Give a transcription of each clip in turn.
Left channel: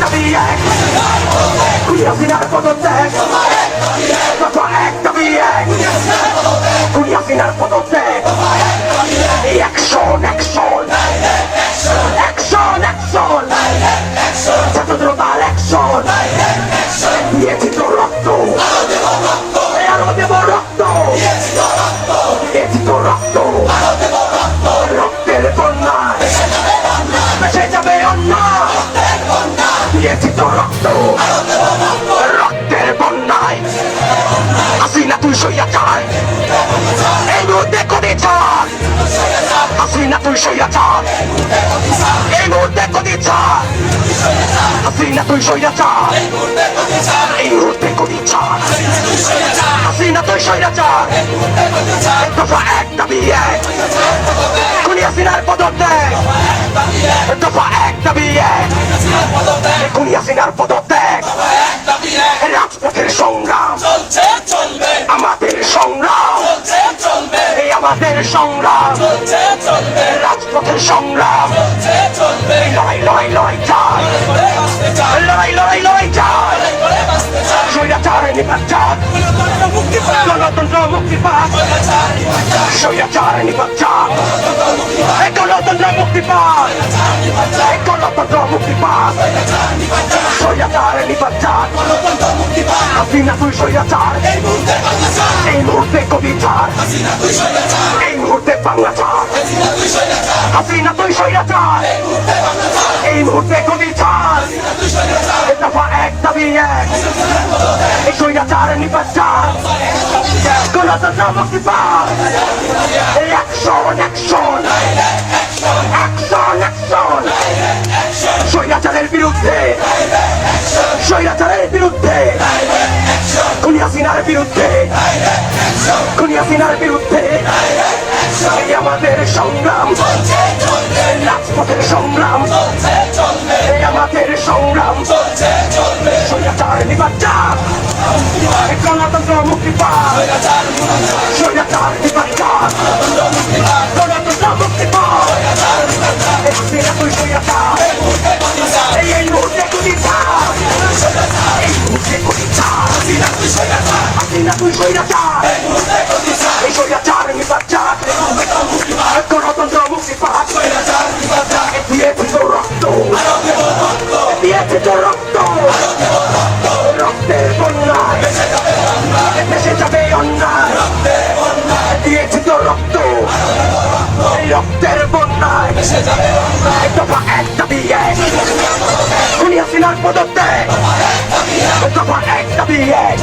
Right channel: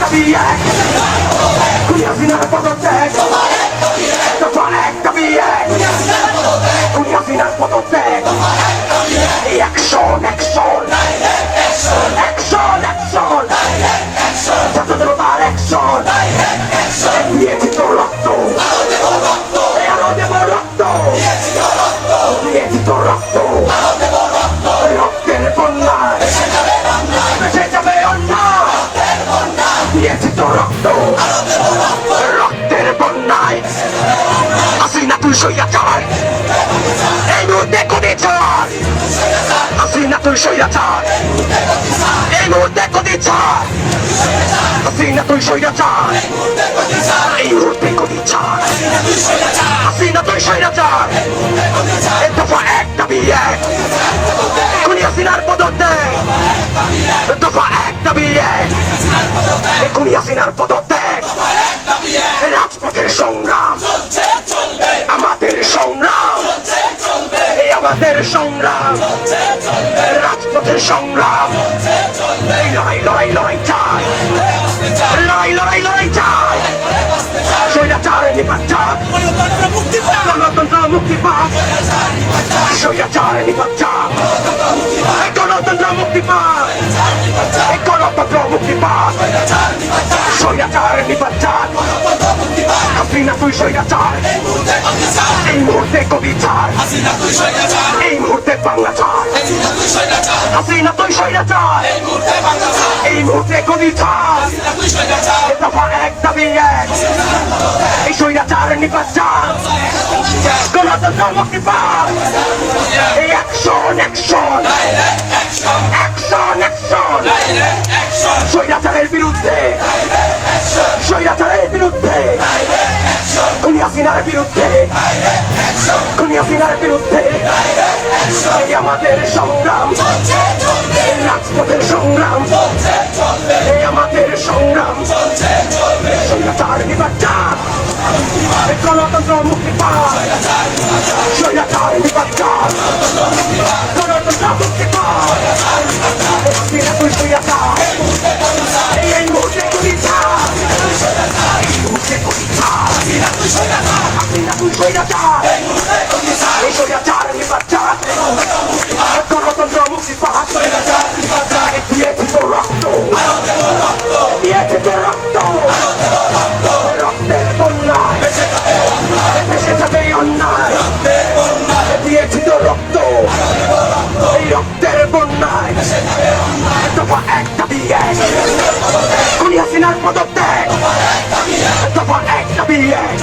দাবি এক, খুনি হাসিনার পদত্যাগ, দফা এক দাবি এক, খুনি হাসিনার পদত্যাগ, অ্যাকশন অ্যাকশন অ্যাকশন অ্যাকশন, ছাত্রজনতার অ্যাকশন, দিয়েছি তো রক্ত, আরো দেব রক্ত, দিয়েছি তো রক্ত, রক্তের বন্যায় ভেসে যাবে অন্যায়, দিয়েছি তো রক্ত, রক্তের বন্যায়। হাসিনা তুই স্বৈরাচার, এই মুহূর্তে কোথায় ছাড়, হাসিনা তুই স্বৈরাচার, এই মুহূর্তে কোথায় ছাড়, হাসিনা তুই স্বৈরাচার, এই মুহূর্তে কোথায় ছাড়, হাসিনা তুই স্বৈরাচার, দফা এক দাবি এক, খুনি হাসিনার পদত্যাগ, দফা এক দাবি এক, খুনি হাসিনার পদত্যাগ, রাজপথের সংগ্রাম, আমাদের সংগ্রাম, এই আমাদের সংগ্রাম, রাজপথের সংগ্রাম, লড়াই লড়াই লড়াই চাই, লড়াই লড়াই লড়াই চাই, স্বৈরাচার নিপাত চাই, গণতন্ত্র মুক্তি পাক, স্বৈরাচার নিপাত চাই, গণতন্ত্র মুক্তি পাক, গণতন্ত্র মুক্তি পাক, স্বৈরাচার নিপাত চাই, হাসিনা তুই স্বৈরাচার, এই মুহূর্তে কবি চার, এই মুহূর্তে বাংলা চার, হাসিনা তুই স্বৈরাচার, এই মুহূর্তে কবি চার, দফা এক দাবি এক, এই স্বৈরাচার নিপাত চার, গণতন্ত্র মুক্তি পাক, অ্যাকশন অ্যাকশন অ্যাকশন অ্যাকশন, স্বৈরাচারের বিরুদ্ধে, স্বৈরাচারের বিরুদ্ধে, খুনি হাসিনার বিরুদ্ধে, খুনি হাসিনার বিরুদ্ধে, এই আমাদের সংগ্রাম, রাজপথের সংগ্রাম, এই আমাদের সংগ্রাম, স্বৈরাচার নিপাত চাই, গণতন্ত্র মুক্তি পাক, স্বৈরাচার নিপাত চাই, গণতন্ত্র মুক্তি পাক, হাসিনা তুই স্বৈরাচার, এই মুহূর্তে কবি চাই, এই মুহূর্তে কবি চাই, হাসিনা তুই স্বৈরাচার, এই স্বৈরাচার নিপাত চাই, গণতন্ত্র মুক্তি পাক, দিয়েছি তো রক্ত, দিয়েছি তো রক্ত, রক্তের বন্যায় ভেসে যাবে অন্যায়, দিয়েছি তো রক্ত, এই রক্তের বন্যায় দফা এক দাবি এক, খুনি হাসিনার পদত্যাগ, দফা এক দাবি এক,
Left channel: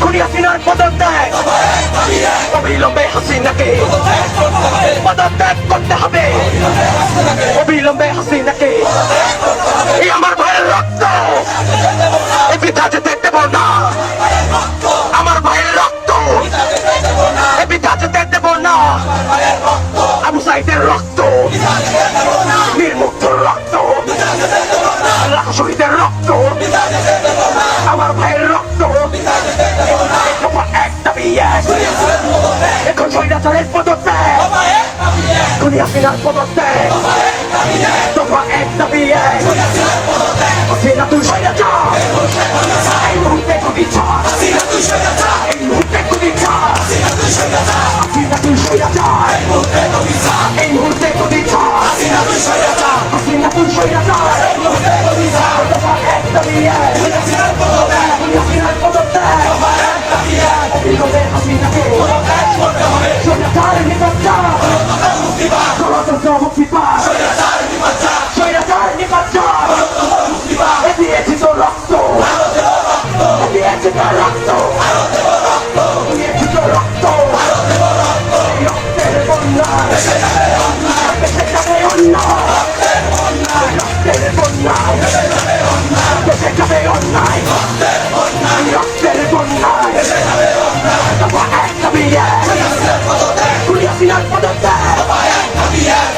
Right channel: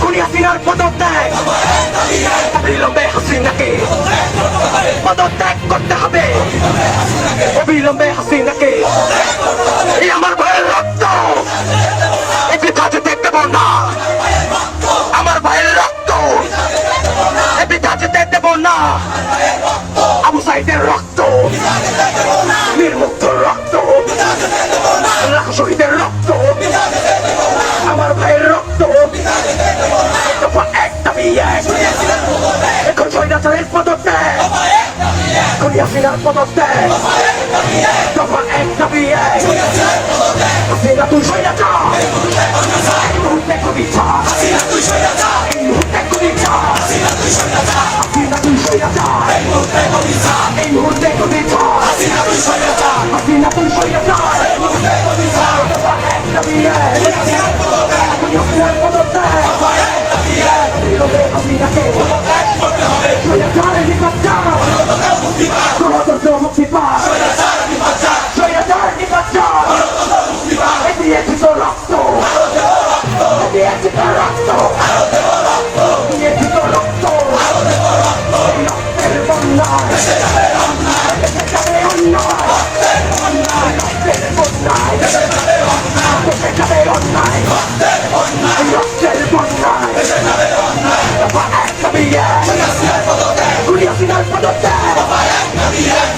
খুনি হাসিনার পদত্যাগ, অবিলম্বে হাসিনাকে পদত্যাগ করতে হবে, অবিলম্বে হাসিনাকে, এই আমার ভাইয়ের রক্ত, এই বৃথা যেতে দেব না, আমার ভাইয়ের রক্ত, এই বৃথা যেতে দেব না, আবু সাইদের রক্ত, নির্মুক্ত রক্ত, শহীদের রক্ত, আমার ভাইয়ের রক্ত, এক দাবি এক, এখন স্বৈরাচারের পদত্যাগ, খুনি হাসিনার পদত্যাগ, দফা এক দাবি এক, হাসিনা তুই স্বৈরাচার, এই মুহূর্তে কবি চার, এই মুহূর্তে কবি চার, হাসিনা তুই স্বৈরাচার, এই মুহূর্তে কবি চার, হাসিনা তুই স্বৈরাচার, দফা এক দাবি এক, খুনি হাসিনার পদত্যাগ, হাসিনাকে স্বৈরাচার নিপাত চাই, গণতন্ত্র মুক্তি পাক, স্বৈরাচার নিপাত চাই, দিয়েছি তো রক্ত, দিয়েছি তো রক্ত, দিয়েছি তো রক্ত, রক্তের বন্যায় ভেসে যাবে অন্যায়, রক্তের বন্যায় ভেসে যাবে অন্যায়, রক্তের বন্যায় দফা এক দাবি এক, খুনি হাসিনার পদত্যাগ,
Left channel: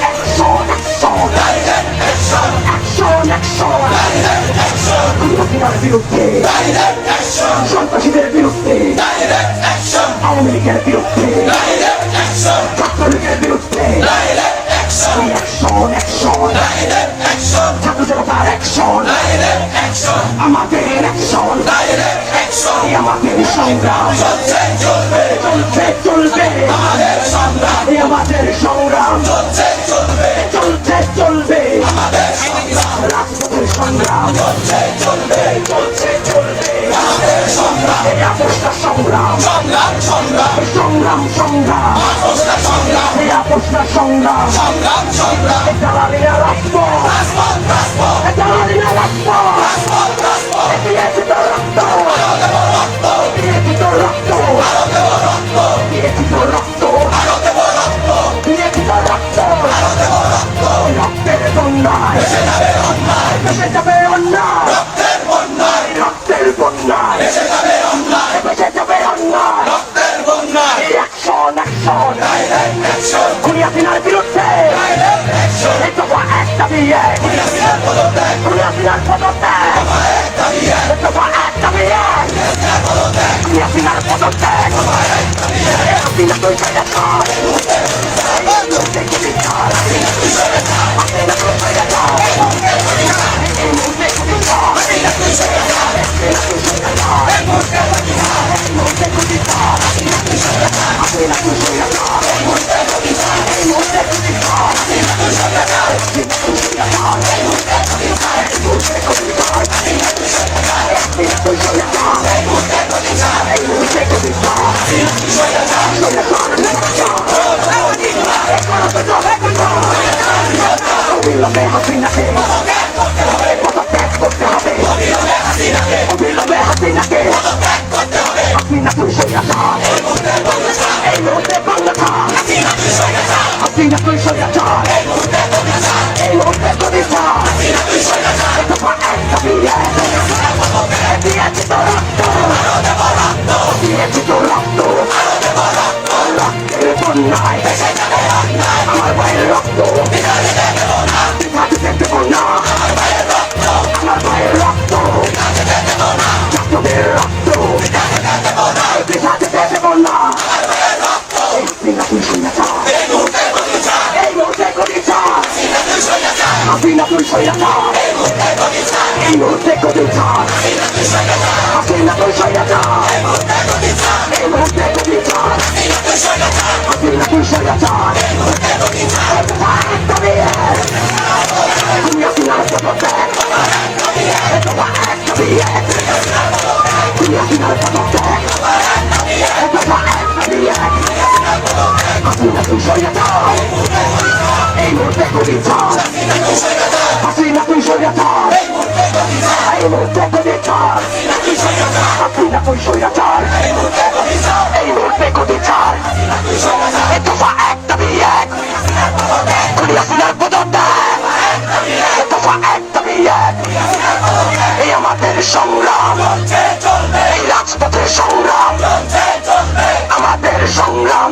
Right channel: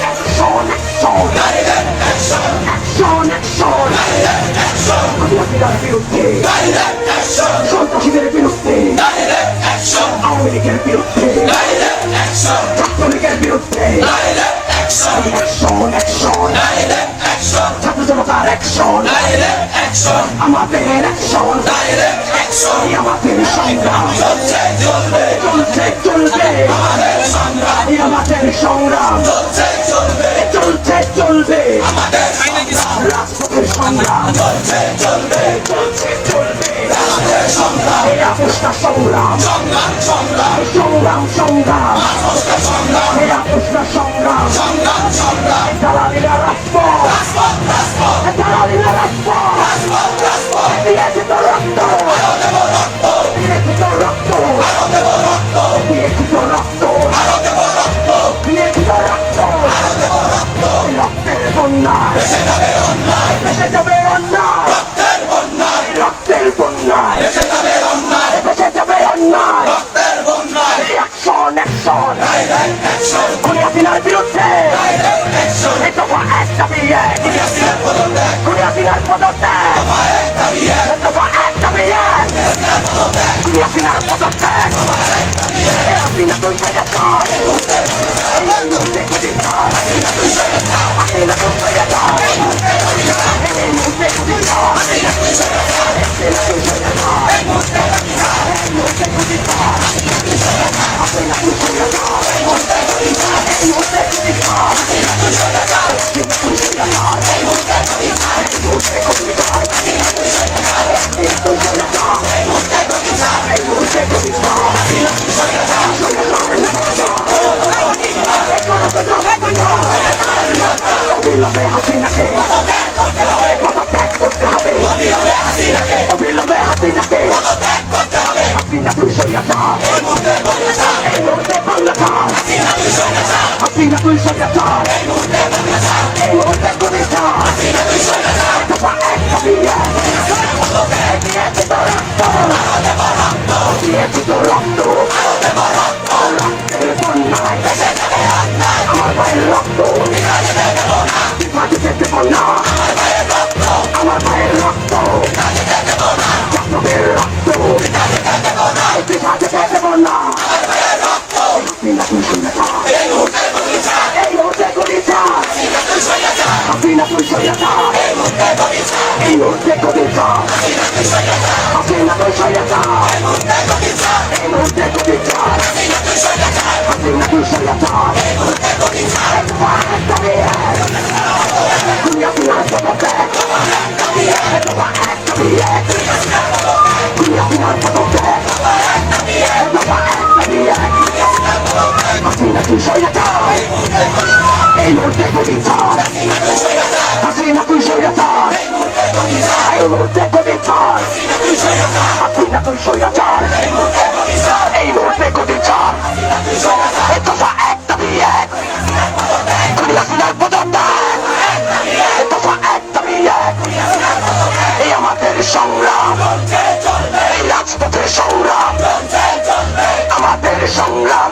অ্যাকশন অ্যাকশন অ্যাকশন অ্যাকশন, খুনি হাসিনার বিরুদ্ধে, সন্ত্রাসীদের বিরুদ্ধে, আওয়ামী লীগের বিরুদ্ধে, ছাত্রলীগের বিরুদ্ধে, অ্যাকশন ছাত্র জনতার অ্যাকশন আমাদের অ্যাকশন আমাদের সংগ্রাম চলছে চলবে আমাদের সংগ্রাম চলবে রাজপথের সংগ্রাম চলছে চলবে আপোষটা সংগ্রাম সংগ্রাম আপোষটা সংগ্রাম দালালিরা রাজপথ দালালিরা রাজপথ দিয়েছে তো রক্ত দিয়েছে তো রক্ত দিয়েছে তো রক্ত দিয়েছে তো রক্ত রক্তের বন্যায় ভেসে যাবে অন্যায় রক্তের বন্যায় ভেসে যাবে অন্যায় অ্যাকশন খুনিয়াতিনার বিরুদ্ধে এই দফা এক দাবি এক খুনিয়াতিনার পদত্যাগ এই দফা এক দাবি এক খুনিয়াতিনার পদত্যাগ হাসিনা তুই ছেড়ে অবিলম্বে হাসিনাকে পদত্যাগ করতে হবে অবিলম্বে হাসিনাকে হাসিনা তুই স্বৈরাচার এই মুহূর্তে বাংলাদেশ হাসিনা তুই স্বৈরাচার এই মুহূর্তে প্রতিষ্ঠা দফা এক দাবি এক দিয়েছে তো রক্ত দিয়েছে তো রক্ত রক্তের বন্যায় আমার ভাইয়ের রক্ত মাটিতে দেব না আমার ভাইয়ের রক্ত ছাত্রদের রক্ত মাটিতে দেব না এই মুহূর্তে প্রতিষ্ঠা হাসিনা তুই স্বৈরাচার এই মুহূর্তে প্রতিষ্ঠা হাসিনা তুই স্বৈরাচার এই মুহূর্তে প্রতিষ্ঠা হাসিনা তুই স্বৈরাচার খুনিয়াতিনার পদত্যাগ খুনিয়াতিনার পদত্যাগ হাসিনা তুই স্বৈরাচার এই মুহূর্তে প্রতিষ্ঠা হাসিনা তুই স্বৈরাচার এই মুহূর্তে প্রতিষ্ঠা হাসিনা তুই স্বৈরাচার এই মুহূর্তে প্রতিষ্ঠা এই দফা এক দাবি এক খুনিয়াতিনার পদত্যাগ দফা এক দাবি এক এই আমাদের সংগ্রাম এই রাজপথের সংগ্রাম আমাদের সংগ্রাম